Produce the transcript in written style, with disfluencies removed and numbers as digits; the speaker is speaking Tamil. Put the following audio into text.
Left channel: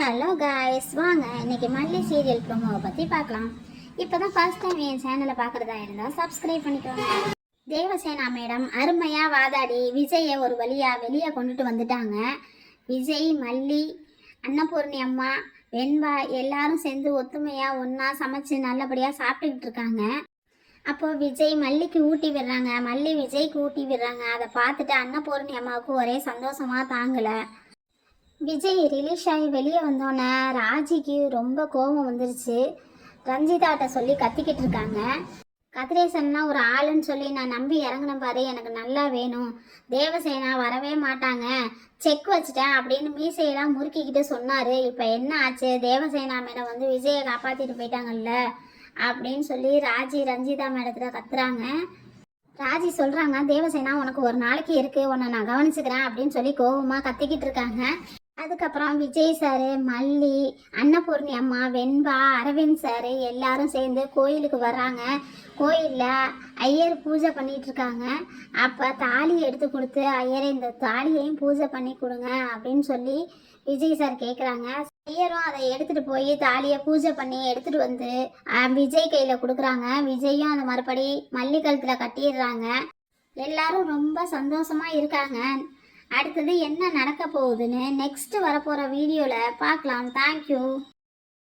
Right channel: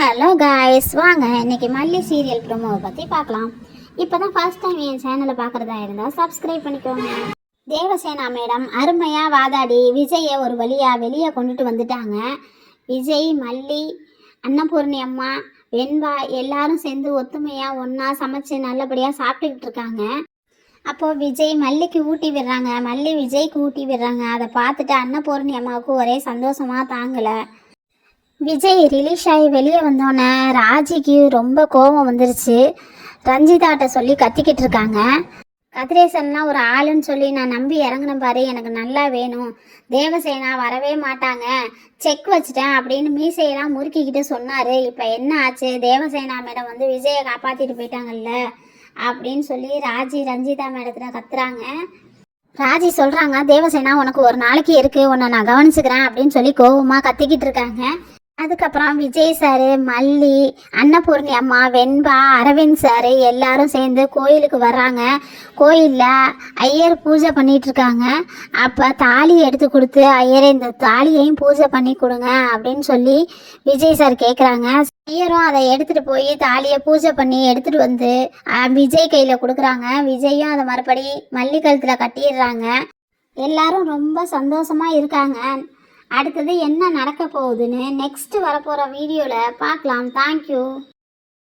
ஹலோ காய்ஸ், வாங்க இன்னைக்கு மல்லி சீரியல் ப்ரோமோவை பற்றி பார்க்கலாம். இப்போ தான் ஃபர்ஸ்ட் டைம் என் சேனலை பார்க்குறதா இருந்தால் சப்ஸ்கிரைப் பண்ணிக்கோங்க. தேவசேனா மேடம் அருமையாக வாதாடி விஜயை ஒரு வழியாக வெளியே கொண்டுட்டு வந்துட்டாங்க. விஜய், மல்லி, அன்னபூர்ணி அம்மா, வெண்பா எல்லாரும் சேர்ந்து ஒத்துமையாக ஒன்றா சமைச்சு நல்லபடியாக சாப்பிட்டுக்கிட்டு இருக்காங்க. அப்போது விஜய் மல்லிக்கு ஊட்டி விடுறாங்க, மல்லி விஜய்க்கு ஊட்டி விடுறாங்க. அதை பார்த்துட்டு அன்னபூர்ணி அம்மாவுக்கு ஒரே சந்தோஷமாக தாங்கலை. விஜய் ரிலீஸ் ஆகி வெளியே வந்தோடனே ராஜிக்கு ரொம்ப கோபம் வந்துருச்சு. ரஞ்சிதாட்ட சொல்லி கத்திக்கிட்டு இருக்காங்க. கதிரேசன்லாம் ஒரு ஆளுன்னு சொல்லி நான் நம்பி இறங்கினேன் பாரு, எனக்கு நல்லா வேணும், தேவசேனா வரவே மாட்டாங்க, செக் வச்சுட்டேன் அப்படின்னு மீசையெல்லாம் முறுக்கிக்கிட்டு சொன்னார். இப்போ என்ன ஆச்சு, தேவசேனா மேடம் வந்து விஜயை காப்பாற்றிட்டு போயிட்டாங்கல்ல அப்படின்னு சொல்லி ராஜி ரஞ்சிதா மேடத்தில் கத்துறாங்க. ராஜி சொல்கிறாங்க, தேவசேனா உனக்கு ஒரு நாளைக்கு இருக்குது, உன்னை நான் கவனிச்சுக்கிறேன் அப்படின்னு சொல்லி கோபமாக கத்திக்கிட்டு இருக்காங்க. அதுக்கப்புறம் விஜய் சார், மல்லி, அன்னபூர்ணி அம்மா, வெண்பா, அரவிந்த் சார் எல்லாரும் சேர்ந்து கோயிலுக்கு வர்றாங்க. கோயிலில் ஐயர் பூஜை பண்ணிகிட்ருக்காங்க. அப்போ தாலி எடுத்து கொடுத்து ஐயரை இந்த தாலியையும் பூஜை பண்ணி கொடுங்க அப்படின்னு சொல்லி விஜய் சார் கேட்குறாங்க. ஐயரும் அதை எடுத்துகிட்டு போய் தாலியை பூஜை பண்ணி எடுத்துகிட்டு வந்து விஜய் கையில் கொடுக்குறாங்க. விஜயும் அதை மறுபடி மல்லி கழுத்தில் கட்டிடுறாங்க. எல்லாரும் ரொம்ப சந்தோஷமாக இருக்காங்க. அடுத்தது என்ன நடக்க போகுதுன்னு நெக்ஸ்ட் வரப்போகிற வீடியோவில் பார்க்கலாம். தேங்க்யூ.